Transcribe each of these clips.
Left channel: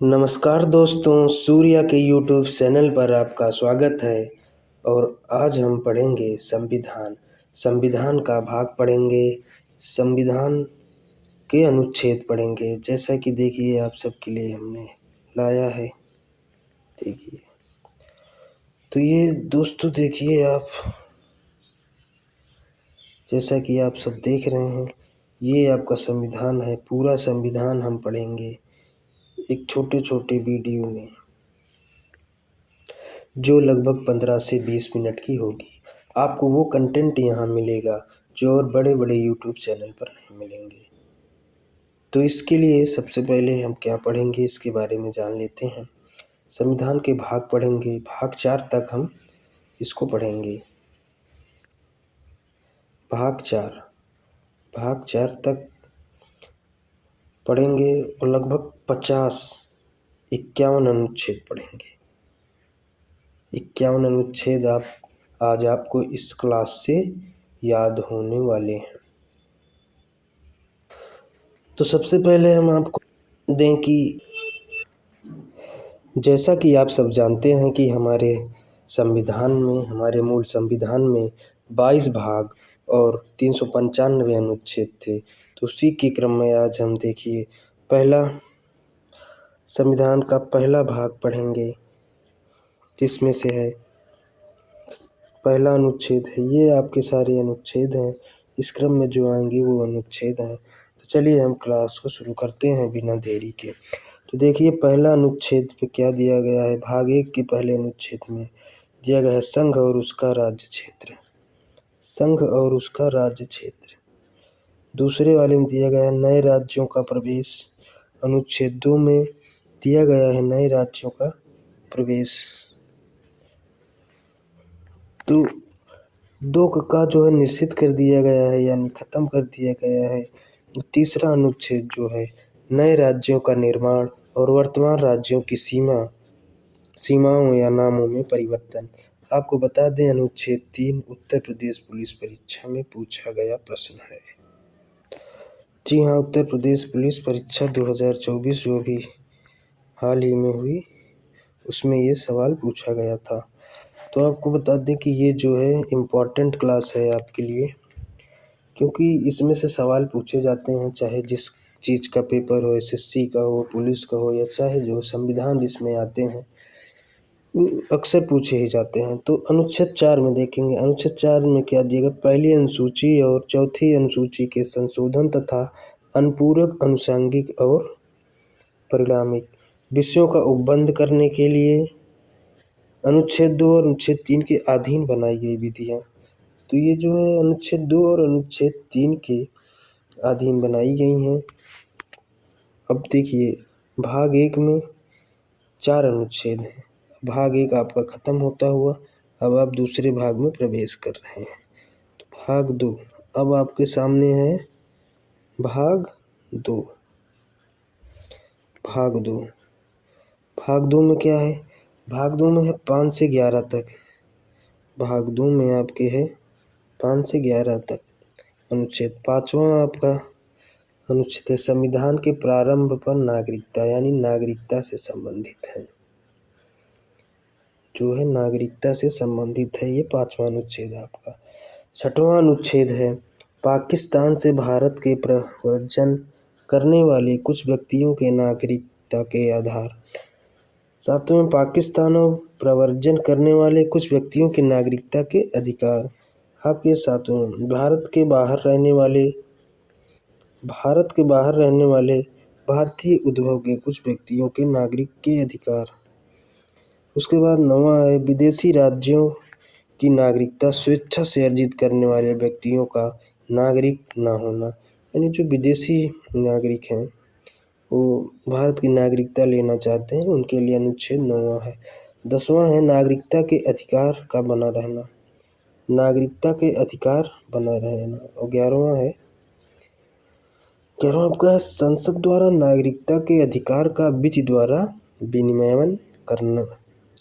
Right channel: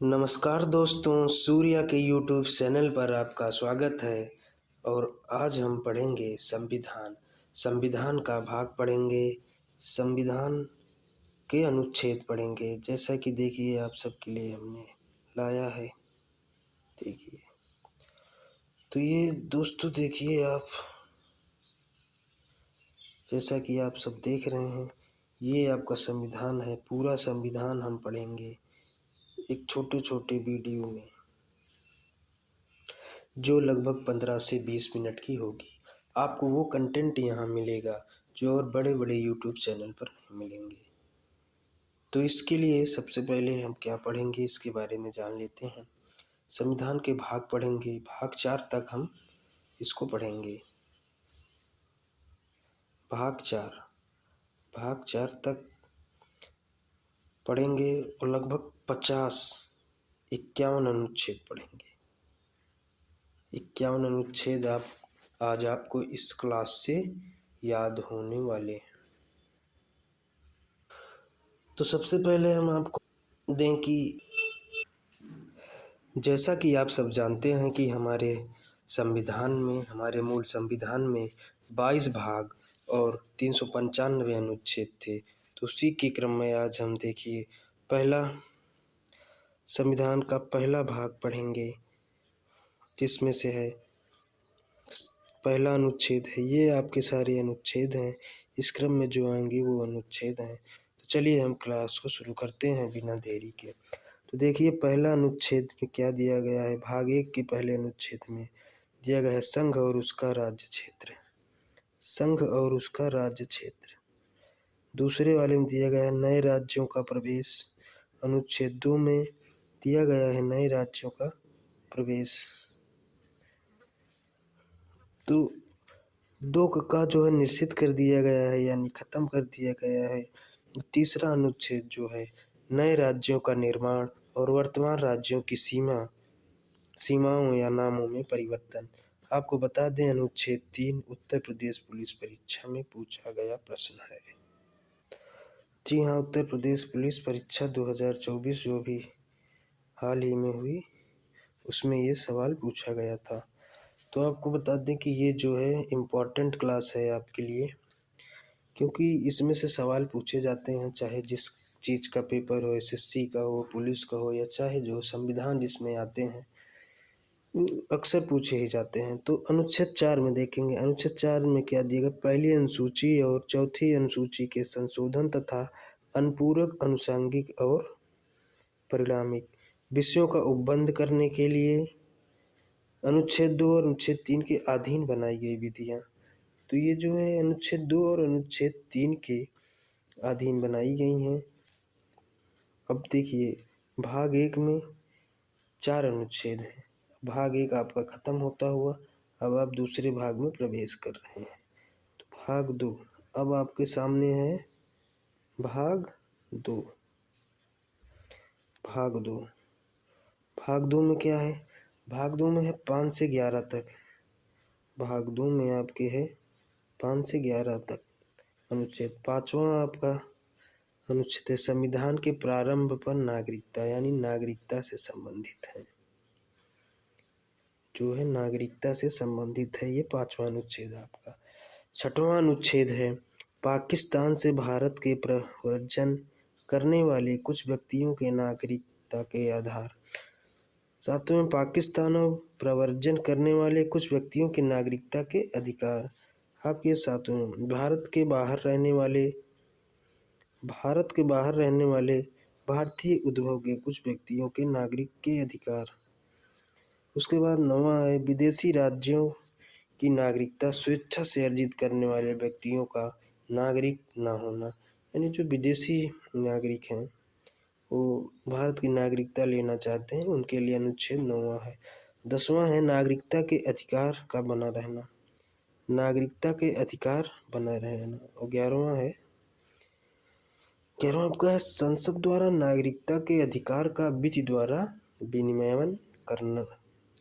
नमस्कार दोस्तों, सूर्या के यूट्यूब चैनल पर आपका स्वागत है। और आज हम पढ़ेंगे संविधान। संविधान का भाग पढ़ेंगे, संविधान के अनुच्छेद पढ़ेंगे। जैसा कि देखिए आप सबके लिए हमने लाया है, देखिए। तो ये दोस्तों देखिए आप, जैसा कि आप सब देख रहे हैं, ये आपका संविधान है। पूरा संविधान हम पढ़ेंगे एक छोटे छोटे वीडियो में, जो लगभग 15 से 20 मिनट की होगी। आपको वो कंटेंट यहाँ मिलेगा जो और बड़े बड़े यूट्यूब चैनल पर नहीं मिलेंगे। तो इसके लिए सबसे पहले हम क्या पढ़ेंगे, इसके बारे में जान लेते हैं। संविधान के भाग पढ़ेंगे, भाग 4 तक हम इसको पढ़ेंगे। भाग 4 तक पढ़ेंगे और लगभग 51 अनुच्छेद पढ़ेंगे। 51 अनुच्छेद आज आपको इस क्लास से याद होने वाले हैं। तो सबसे पहले हम आपको दें कि जैसा कि आप सब जानते हैं कि हमारे मूल संविधान में 22 भाग और 395 अनुच्छेद थे। तो उसी के क्रम में आज हम देखिए संविधान का पहला भाग पढ़ेंगे, जिसमें से है पहला अनुच्छेद है। ये आपके सारे अनुच्छेद हैं, इस क्रम में जो आएंगे वो अनुच्छेद हैं। तो चलिए हम क्लास को शुरू करते हैं बिना देरी के। तो देखिए पहला अनुच्छेद में क्या दिया गया है। भाग 1 के पहले अनुच्छेद में दिया गया है संघ और उसका राज्य क्षेत्र। संघ और उसका राज्य क्षेत्र। दूसरे वाले में दिया गया है नए राज्यों का प्रवेश। अनुच्छेद 2 में दिया गया है नए राज्यों का प्रवेश। तो 2 का जो है निश्चित कर दिया गया है, यानी खत्म कर दिया गया है। तीसरा अनुच्छेद जो है नए राज्यों का निर्माण और वर्तमान राज्यों की सीमाओं या नामों में परिवर्तन। आपको बता दें अनुच्छेद 3 उत्तर प्रदेश पुलिस परीक्षा में पूछा गया प्रश्न है। जी हाँ, उत्तर प्रदेश पुलिस परीक्षा 2024 जो भी हाल ही में हुई, उसमें ये सवाल पूछा गया था। तो आपको बता दें कि ये जो है इम्पॉर्टेंट क्लास है आपके लिए, क्योंकि इसमें से सवाल पूछे जाते हैं, चाहे जिस चीज़ का पेपर हो, एसएससी का हो, पुलिस का हो, या चाहे जो संविधान जिसमें आते हैं, अक्सर पूछे ही जाते हैं। तो अनुच्छेद 4 में देखेंगे, अनुच्छेद 4 में क्या दिया गया। पहली अनुसूची और चौथी अनुसूची के संशोधन तथा अनुपूरक, अनुषांगिक और परिणामिक विषयों का उपबंध करने के लिए अनुच्छेद 2 और अनुच्छेद 3 के अधीन बनाई गई विधियाँ। तो ये जो है अनुच्छेद 2 और अनुच्छेद 3 के अधीन बनाई गई हैं। अब देखिए भाग 1 में 4 अनुच्छेद हैं। भाग 1 आपका खत्म होता हुआ अब आप दूसरे भाग में प्रवेश कर रहे हैं। तो भाग 2 अब आपके सामने है। भाग 2 भाग 2 में क्या है। भाग 2 में है 5 से 11 तक। भाग 2 में आपके है 5 से 11 तक अनुच्छेद। 5वां आपका अनुच्छेद है संविधान के प्रारंभ पर नागरिकता, यानी नागरिकता से संबंधित है, जो है नागरिकता से संबंधित है। ये 5वां अनुच्छेद आपका। 6वां अनुच्छेद है पाकिस्तान से भारत के प्रव्रजन करने वाले कुछ व्यक्तियों के नागरिकता के आधार। 7वें पाकिस्तान और प्रव्रजन करने वाले कुछ व्यक्तियों की नागरिकता के अधिकार। आपके 7वें भारत के बाहर रहने वाले भारतीय उद्भव के कुछ व्यक्तियों के नागरिक के अधिकार। उसके बाद 9वां है विदेशी राज्यों की नागरिकता स्वेच्छा से अर्जित करने वाले व्यक्तियों का नागरिक न होना, यानी जो विदेशी नागरिक हैं वो भारत की नागरिकता लेना चाहते हैं, उनके लिए अनुच्छेद 9वां है। 10वां है नागरिकता के अधिकार का बना रहना, नागरिकता के अधिकार बना रहना। और 11वां आपका है संसद द्वारा नागरिकता के अधिकार का विधि द्वारा विनियमन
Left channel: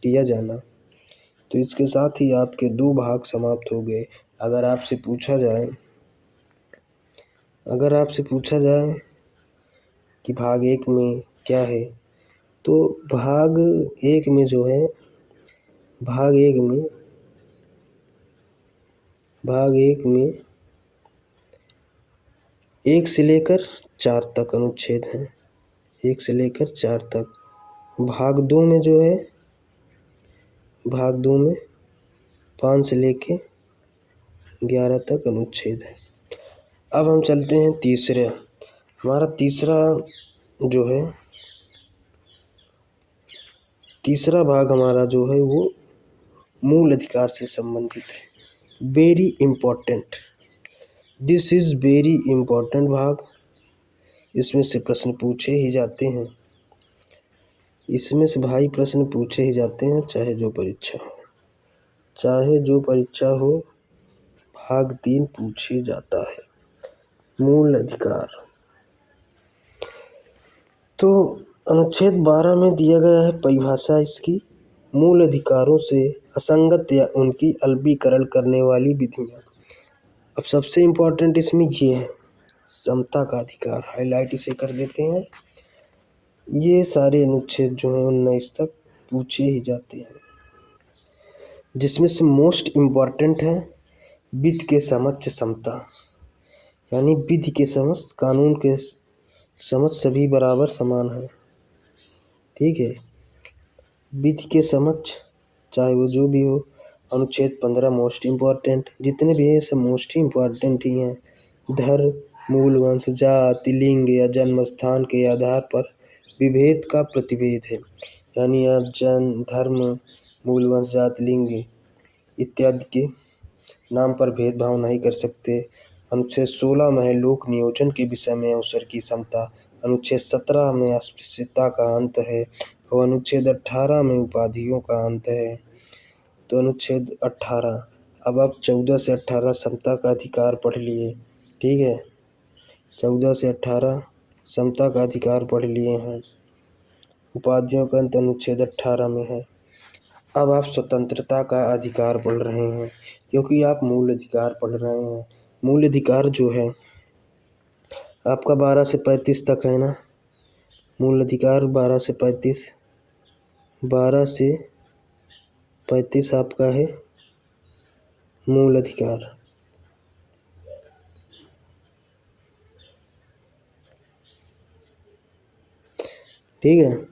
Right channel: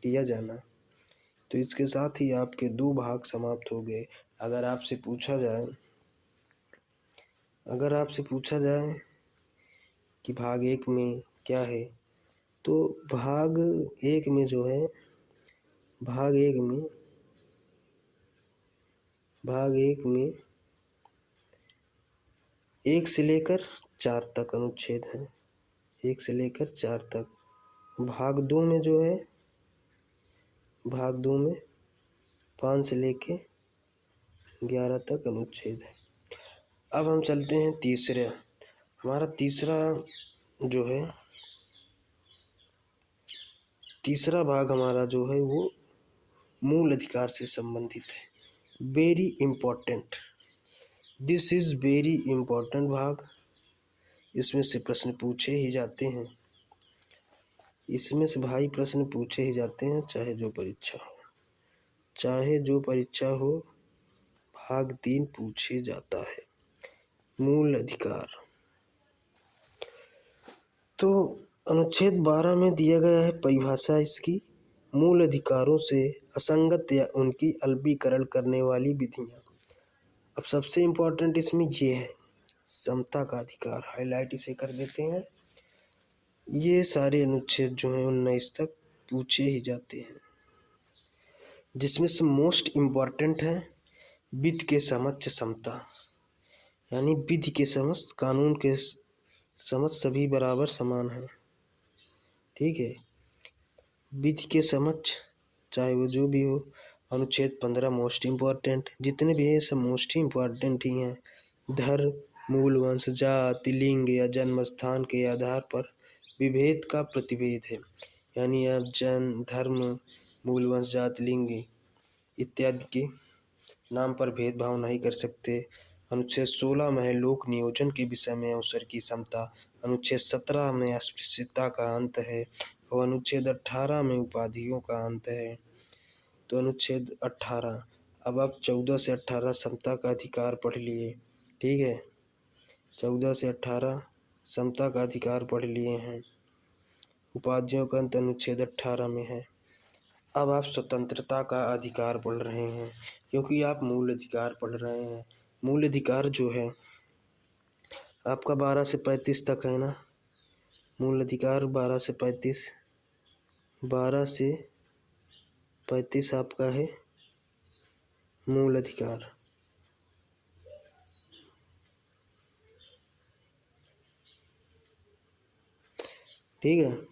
किया जाना। तो इसके साथ ही आपके 2 भाग समाप्त हो गए। अगर आपसे पूछा जाए कि भाग 1 में क्या है, तो भाग एक में जो है भाग एक में 1 से लेकर 4 तक अनुच्छेद हैं, 1 से लेकर 4 तक। भाग 2 में जो है भाग 2 में 5 से लेके 11 तक अनुच्छेद है। अब हम चलते हैं तीसरे। हमारा तीसरा भाग हमारा जो है वो मूल अधिकार से संबंधित है। Very important, this is very important भाग। इसमें से प्रश्न पूछे ही जाते हैं, चाहे जो परीक्षा हो। भाग 3 पूछे जाता है, मूल अधिकार। तो अनुच्छेद 12 में दिया गया है परिभाषा इसकी, मूल अधिकारों से असंगत या उनकी अलवीकरण करने वाली विधियां। अब सबसे इम्पोर्टेंट इसमें ये है समता का अधिकार, हाईलाइट इसे कर देते हैं। ये सारे अनुच्छेद जो हैं 19 तक पूछे ही जाते हैं, जिसमें से मोस्ट इम्पॉर्टेंट है विधि के समक्ष समता, यानी विधि के समक्ष, कानून के समक्ष सभी बराबर समान हैं। ठीक है, विधि के समक्ष चाहे वो जो भी हो। अनुच्छेद 15 मोस्ट इम्पॉर्टेंट, जितने भी हैं सब मोस्ट इम्पॉर्टेंट ही हैं। धर्म, मूल वंश, जाति, लिंग या जन्म स्थान के आधार पर विभेद का प्रतिषेध है, यानी आप धर्म, मूल वंश, जाति, लिंग इत्यादि के नाम पर भेदभाव नहीं कर सकते। अनुच्छेद 16 में है लोक नियोजन के विषय में अवसर की समता। अनुच्छेद 17 में अस्पृश्यता का अंत है और अनुच्छेद 18 में उपाधियों का अंत है। तो अनुच्छेद 18, अब आप 14 से 18 समता का अधिकार पढ़ लिए। ठीक है, 14 से 18 समता का अधिकार पढ़ लिए हैं। उपाधियों का अंत अनुच्छेद 18 में है। अब आप स्वतंत्रता का अधिकार पढ़ रहे हैं, क्योंकि आप मूल अधिकार पढ़ रहे हैं। मूल अधिकार जो है आपका 12 से 35 तक है ना। मूल अधिकार 12 से 35 आपका है मूल अधिकार। ठीक है,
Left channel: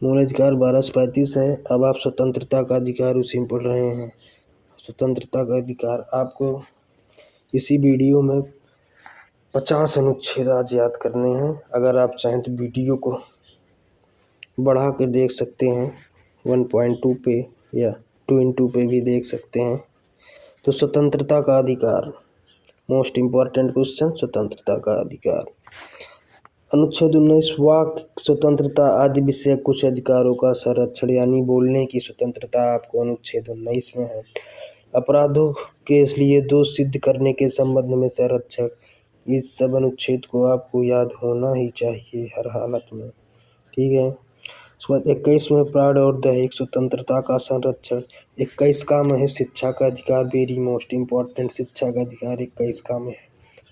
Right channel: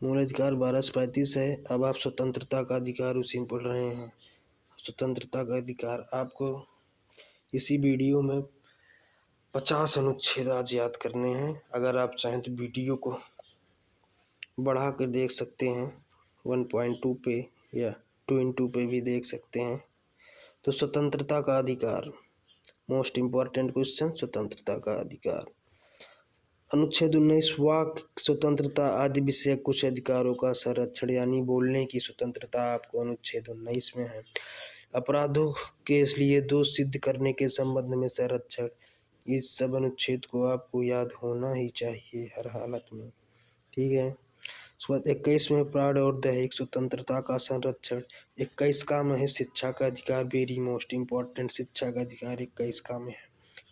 मूल अधिकार 12 से 35 है। अब आप स्वतंत्रता का अधिकार उसी में पढ़ रहे हैं। स्वतंत्रता का अधिकार आपको इसी वीडियो में 50 अनुच्छेद आज याद करने हैं। अगर आप चाहें तो वीडियो को बढ़ा कर देख सकते हैं, 1.2 पे या 2x2 पे भी देख सकते हैं। तो स्वतंत्रता का अधिकार, मोस्ट इम्पॉर्टेंट क्वेश्चन, स्वतंत्रता का अधिकार। अनुच्छेद 19 वाक स्वतंत्रता आदि विषय कुछ अधिकारों का संरक्षण, यानी बोलने की स्वतंत्रता आपको अनुच्छेद 19 में है। अपराधों के लिए दोष सिद्ध करने के संबंध में संरक्षण, इस सब अनुच्छेद को आपको याद होना ही चाहिए हर हालत में। ठीक है, उसके बाद 21 में प्राण और दैहिक स्वतंत्रता का संरक्षण। 21 का में है शिक्षा का अधिकार, वेरी मोस्ट इम्पॉर्टेंट, शिक्षा का अधिकार 21 का में है।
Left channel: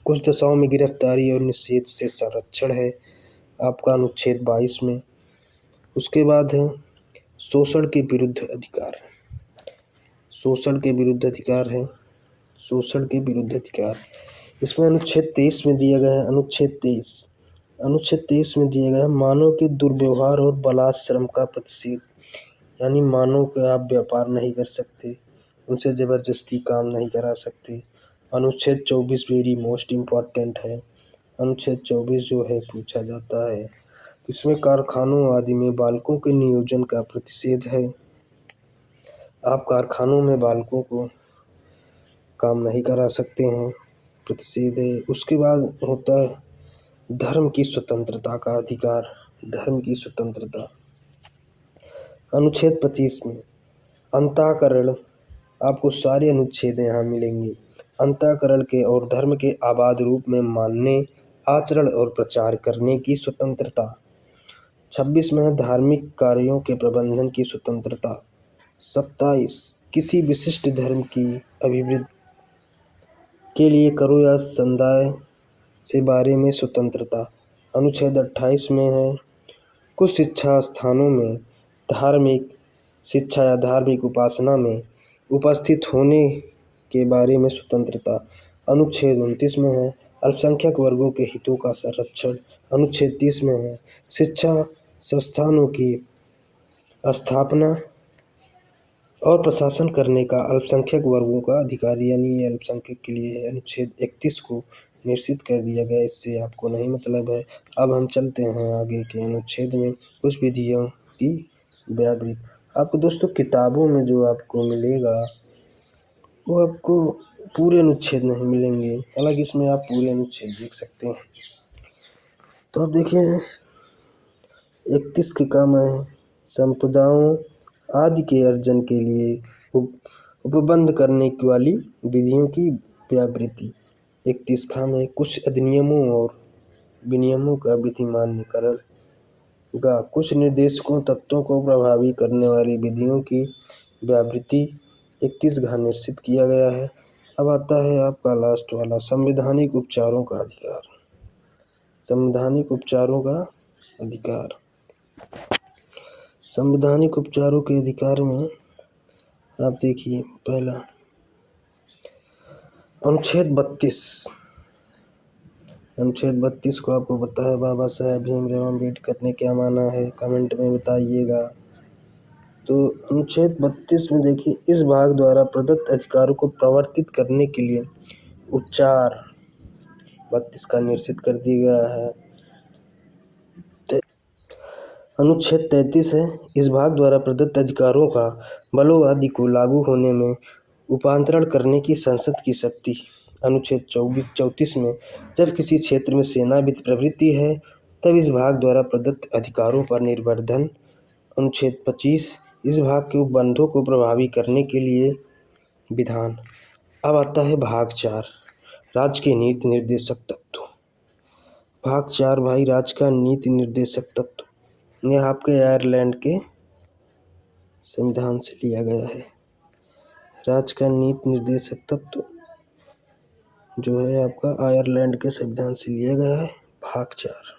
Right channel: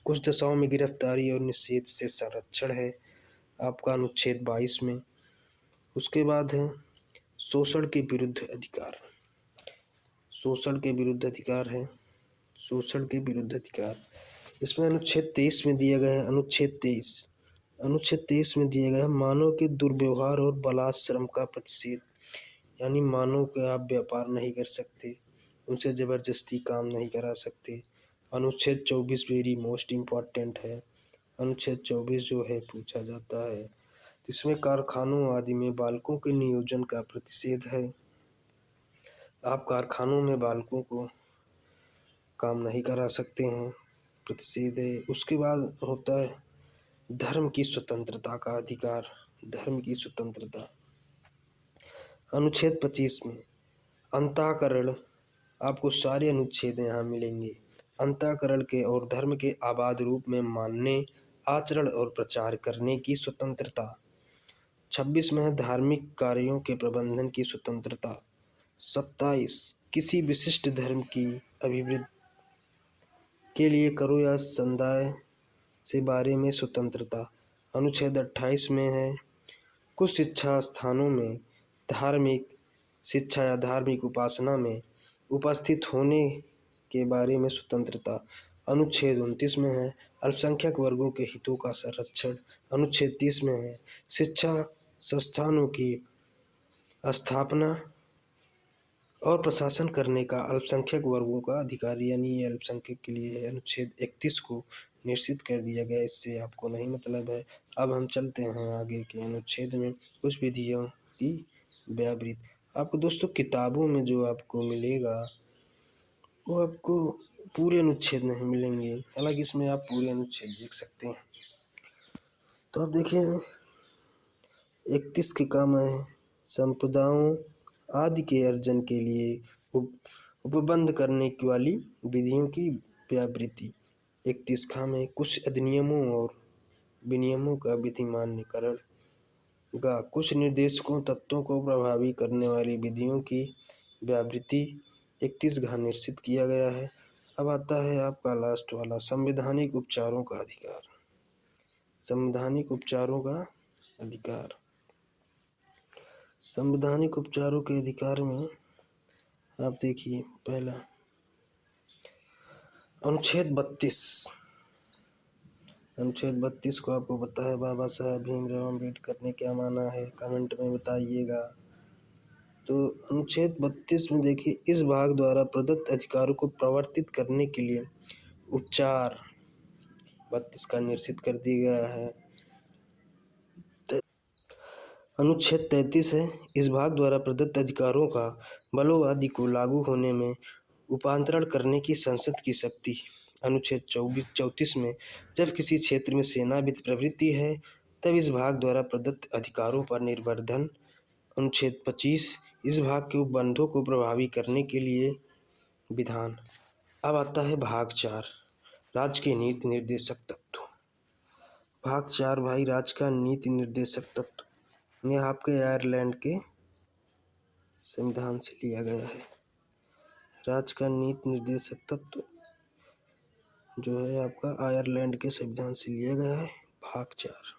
कुछ दशाओं में गिरफ्तारी और निषेध से संरक्षण है आपका अनुच्छेद 22 में। उसके बाद है शोषण के विरुद्ध अधिकार, शोषण के विरुद्ध अधिकार है, शोषण के विरुद्ध अधिकार। इसमें अनुच्छेद 23 में दिया गया है, अनुच्छेद 23 में दिया गया है मानव के दुर्व्यवहार और बलात्श्रम का प्रतिषेध, यानी मानव का आप व्यापार नहीं कर सकते, उनसे ज़बरदस्ती काम नहीं करा सकते। अनुच्छेद 24 वेरी मोस्ट इम्पॉर्टेंट है। अनुच्छेद 24 जो है पूछा जाता है, इसमें कारखानों आदि में बालकों के नियोजन का प्रतिषेध है। आप कारखानों में बालकों को काम नहीं करा सकते हैं, प्रतिषेध है। उसके बाद होता है धर्म की स्वतंत्रता का अधिकार, धर्म की स्वतंत्रता। अनुच्छेद 25 में अंतःकरण, आपको सारे अनुच्छेद यहाँ मिलेंगे। अंतःकरण के और धर्म के आबाद रूप में मानने, आचरण और प्रचार करने की स्वतंत्रता। 26 में है धार्मिक कार्यों के प्रबंधन की स्वतंत्रता। 27 किसी विशिष्ट धर्म की अभिवृद्धि के लिए करो या समुदाय से बारे में स्वतंत्रता। अनुच्छेद 28 में है कुछ शिक्षा स्थानों में धार्मिक शिक्षा या धार्मिक उपासना में उपस्थित होने के बारे में स्वतंत्रता। अनुच्छेद 29 में है अल्पसंख्यक वर्गों के हितों का संरक्षण। अनुच्छेद 30 में है शिक्षा संस्थानों की स्थापना और प्रशासन करने का अल्पसंख्यक वर्गों का अधिकार, यानी ये अल्पसंख्यक के लिए है। अनुच्छेद 31 को निश्चित कर दिया गया, इससे आपको नहीं मतलब है। अब हम चलते हैं आगे के अनुच्छेद में, कुछ विधियों की व्यावृत्ति। आपको दोस्तों किताबों में जो आपको मिलेगा वो आपको पूरे अनुच्छेद नहीं मिलेंगे, हालांकि इसमें आप पूरे अनुच्छेद देख सकते हैं। तो अब देखिए 31 के काम है संपदाओं आदि के अर्जन के लिए उपबंध करने वाली विधियों की व्यावृत्ति। 31 खाम है कुछ अधिनियमों और विनियमों का विधिमान्यकरण गा कुछ निर्देशकों तत्वों को प्रभावी करने वाली विधियों की व्यावृत्ति 31 घा निश्चित किया गया है। अब आता है आपका लास्ट वाला संवैधानिक उपचारों का अधिकार। संवैधानिक उपचारों का अधिकार, संवैधानिक उपचारों के अधिकार में आप देखिए पहला अनुच्छेद 32। अनुच्छेद 32 को आपको पता है बाबा साहेब भीमराव अम्बेडकर ने क्या माना है, कमेंट में बताइएगा। तो अनुच्छेद 32 में देखिए इस भाग द्वारा प्रदत्त अधिकारों को प्रवर्तित करने के लिए उपचार 32 का निश्चित कर दिया गया है। अनुच्छेद 33 है इस भाग द्वारा प्रदत्त अधिकारों का बलों आदि को लागू होने में उपांतरण करने की संसद की शक्ति। अनुच्छेद 34 में जब किसी क्षेत्र में सेना प्रवृत्ति है तब इस भाग द्वारा प्रदत्त अधिकारों पर निर्वर्धन। अनुच्छेद 25 इस भाग के उपबंधों को प्रभावी करने के लिए विधान। अब आता है भाग 4 राज्य के नीति निर्देशक तत्व। भाग 4 भाई राज्य का नीति निर्देशक तत्व, यह आपके आयरलैंड के संविधान से लिया गया है। राज्य का नीति निर्देशक तत्व जो है आपका आयरलैंड के संविधान से लिया गया है। भाग 4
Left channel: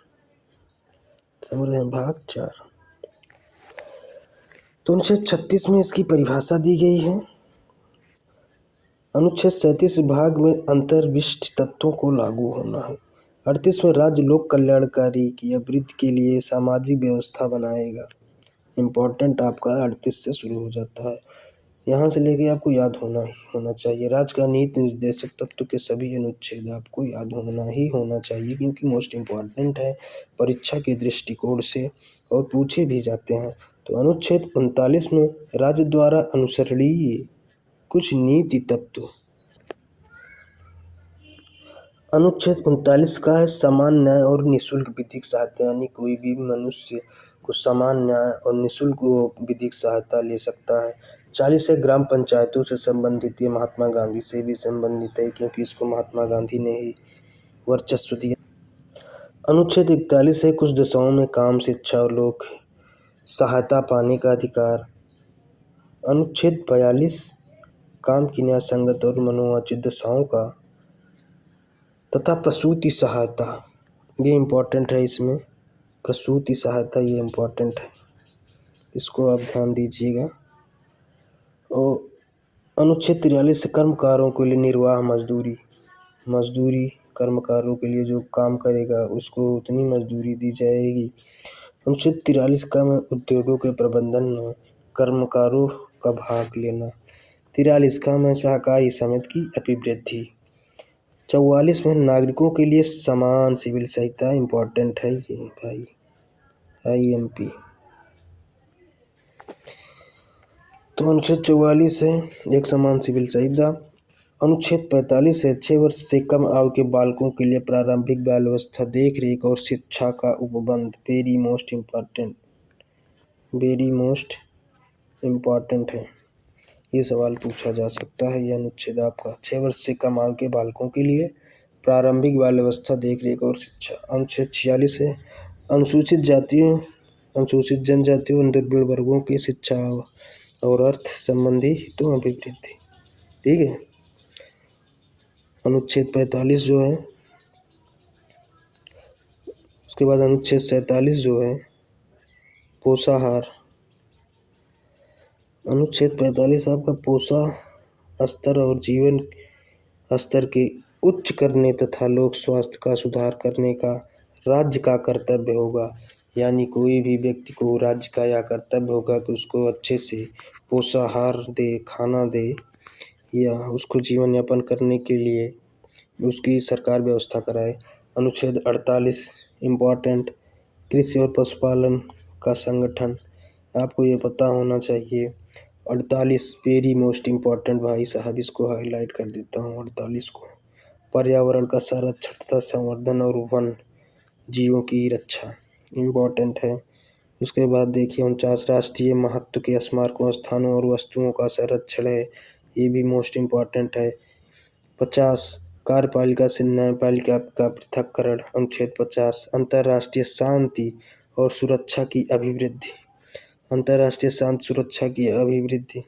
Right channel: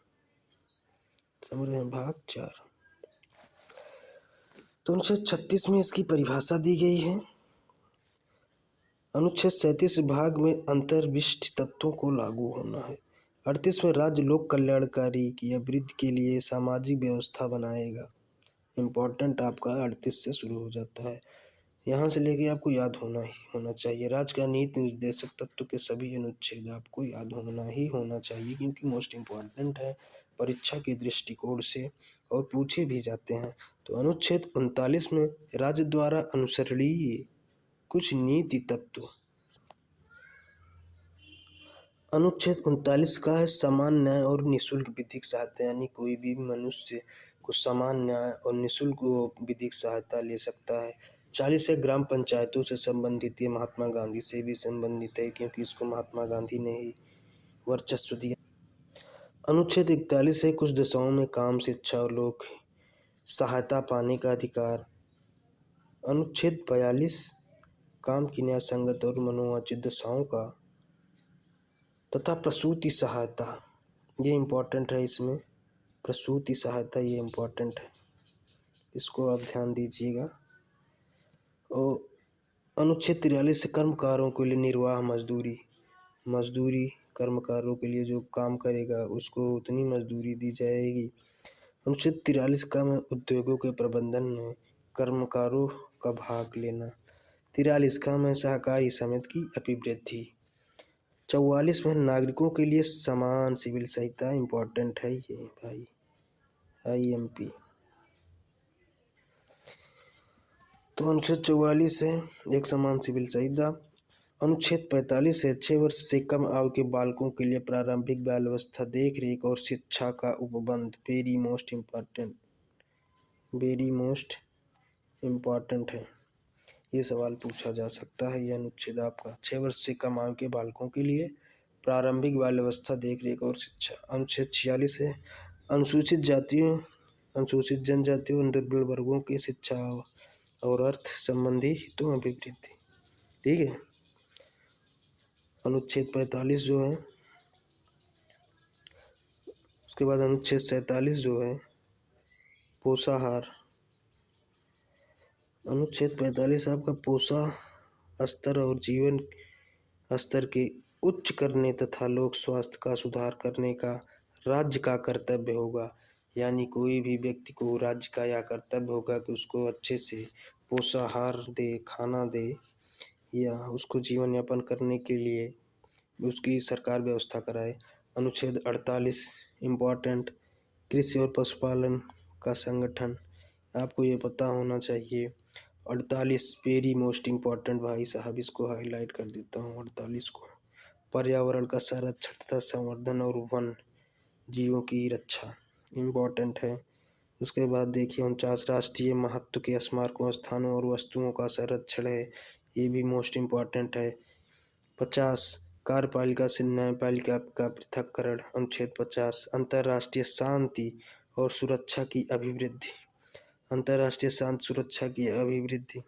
समझ रहे हैं, भाग 4। तो अनुच्छेद 36 में इसकी परिभाषा दी गई है। अनुच्छेद 37 भाग में अंतर्विशिष्ट तत्वों को लागू होना है। 38 में राज्य लोक कल्याणकारी की वृद्धि के लिए सामाजिक व्यवस्था बनाएगा। इम्पोर्टेंट आपका 38 से शुरू हो जाता है, यहाँ से लेके आपको याद होना ही होना चाहिए। राज्य का नीति निर्देशक तत्व के सभी अनुच्छेद आपको याद होना चाहिए क्योंकि मोस्ट इम्पॉर्टेंट है परीक्षा के दृष्टिकोण से और पूछे भी जाते हैं। तो अनुच्छेद 39 में राज्य द्वारा अनुसरणीय कुछ नीति तत्व। अनुच्छेद 39 का है समान न्याय और निःशुल्क विधिक सहायता, यानी कोई भी मनुष्य को समान न्याय और निःशुल्क विधिक सहायता ले सकता है। 40 है ग्राम पंचायतों से संबंधित, ये महात्मा गांधी से भी संबंधित है क्योंकि इसको महात्मा गांधी ने ही वर्चस्व दिया। अनुच्छेद 41 है कुछ दशाओं में काम शिक्षा और लोक सहायता पाने का अधिकार। अनुच्छेद 42 काम की न्याय संगत और मनोवांछित दशाओं का तथा प्रसूति सहायता, ये इम्पोर्टेंट है। इसमें प्रसूति सहायता ये इम्पोर्टेंट है, इसको आप ध्यान दीजिएगा। और अनुच्छेद 43 से कर्मकारों के लिए निर्वाह मजदूरी, मजदूरी कर्मकारों के लिए जो काम करेगा उसको उतनी मजदूरी दी जाएगी। अनुच्छेद 43 का में उद्योगों के प्रबंधन में कर्मकारों का भाग लेना। 43 का में सहकारी समिति की अभिवृद्धि। 44 में नागरिकों के लिए समान सिविल सहायता, इम्पोर्टेंट है ये भाई, IMP। तो अनुच्छेद 44 है एक समान सिविल सहायता। अनुच्छेद 45 है 6 वर्ष से कम आयु के बालकों के लिए प्रारंभिक बाल व्यवस्था, देख रेख और शिक्षा का उपबंध। वेरी मोस्ट इम्पॉर्टेंट है, ये सवाल पूछा जा सकता है। यह अनुच्छेद आपका 6 वर्ष से कम आयु के बालकों के लिए प्रारंभिक बाल व्यवस्था, देख रेख और शिक्षा। अनुच्छेद 46 है अनुसूचित जातियों अनुसूचित जनजातियों और दुर्बल वर्गों की शिक्षा और अर्थ संबंधी हितों अभिवृद्धि, ठीक है। अनुच्छेद 45 जो है, उसके बाद अनुच्छेद 47 जो है पोषाहार। अनुच्छेद 45 आपका पोषण स्तर और जीवन स्तर के उच्च करने तथा लोक स्वास्थ्य का सुधार करने का राज्य का कर्तव्य होगा। यानी कोई भी व्यक्ति को राज्य का यह कर्तव्य होगा कि उसको अच्छे से पोषाहार दे, खाना दे, या उसको जीवन यापन करने के लिए उसकी सरकार व्यवस्था कराए। अनुच्छेद 48 इम्पॉर्टेंट कृषि और पशुपालन का संगठन, आपको ये पता होना चाहिए। 48 वेरी मोस्ट इम्पॉर्टेंट भाई साहब, इसको हाईलाइट कर देता हूँ 48 को। पर्यावरण का संरक्षण तथा संवर्धन और वन जीवों की रक्षा इम्पॉर्टेंट है। उसके बाद देखिए 49 राष्ट्रीय महत्व के स्मारकों, स्थानों और वस्तुओं का संरक्षण है, ये भी मोस्ट इम्पॉर्टेंट है। 50 कार्यपालिका से न्यायपालिका का पृथक्करण। अनुच्छेद 50 अंतर्राष्ट्रीय शांति और सुरक्षा की अभिवृद्धि। अंतर्राष्ट्रीय शांति सुरक्षा की अभिवृद्धि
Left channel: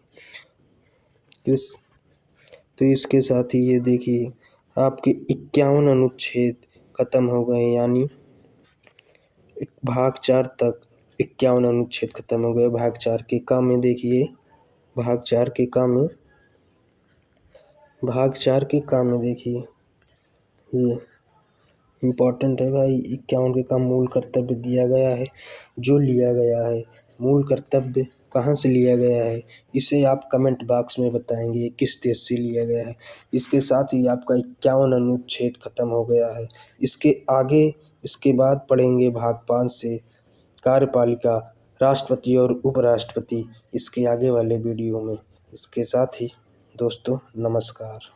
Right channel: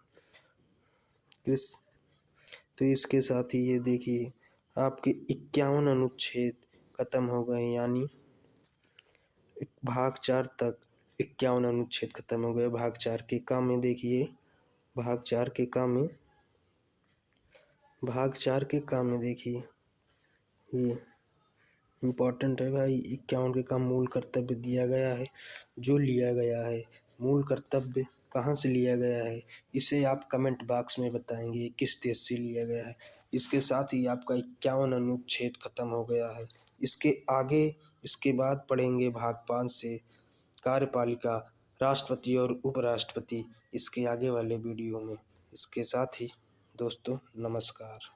तो इसके साथ ही ये देखिए आपके 51 अनुच्छेद खत्म हो गए, यानी भाग 4 तक 51 अनुच्छेद खत्म हो गए। भाग 4 के काम में देखिए, भाग 4 के काम में देखिए, ये इम्पोर्टेंट है भाई। 51 के काम मूल कर्तव्य दिया गया है, जो लिया गया है मूल कर्तव्य कहाँ से लिया गया है, इसे आप कमेंट बॉक्स में बताएंगे किस देश से लिया गया है। इसके साथ ही आपका 51 अनुच्छेद खत्म हो गया है। इसके बाद पढ़ेंगे भाग 5 से कार्यपालिका, राष्ट्रपति और उपराष्ट्रपति, इसके आगे वाले वीडियो में। इसके साथ ही दोस्तों नमस्कार।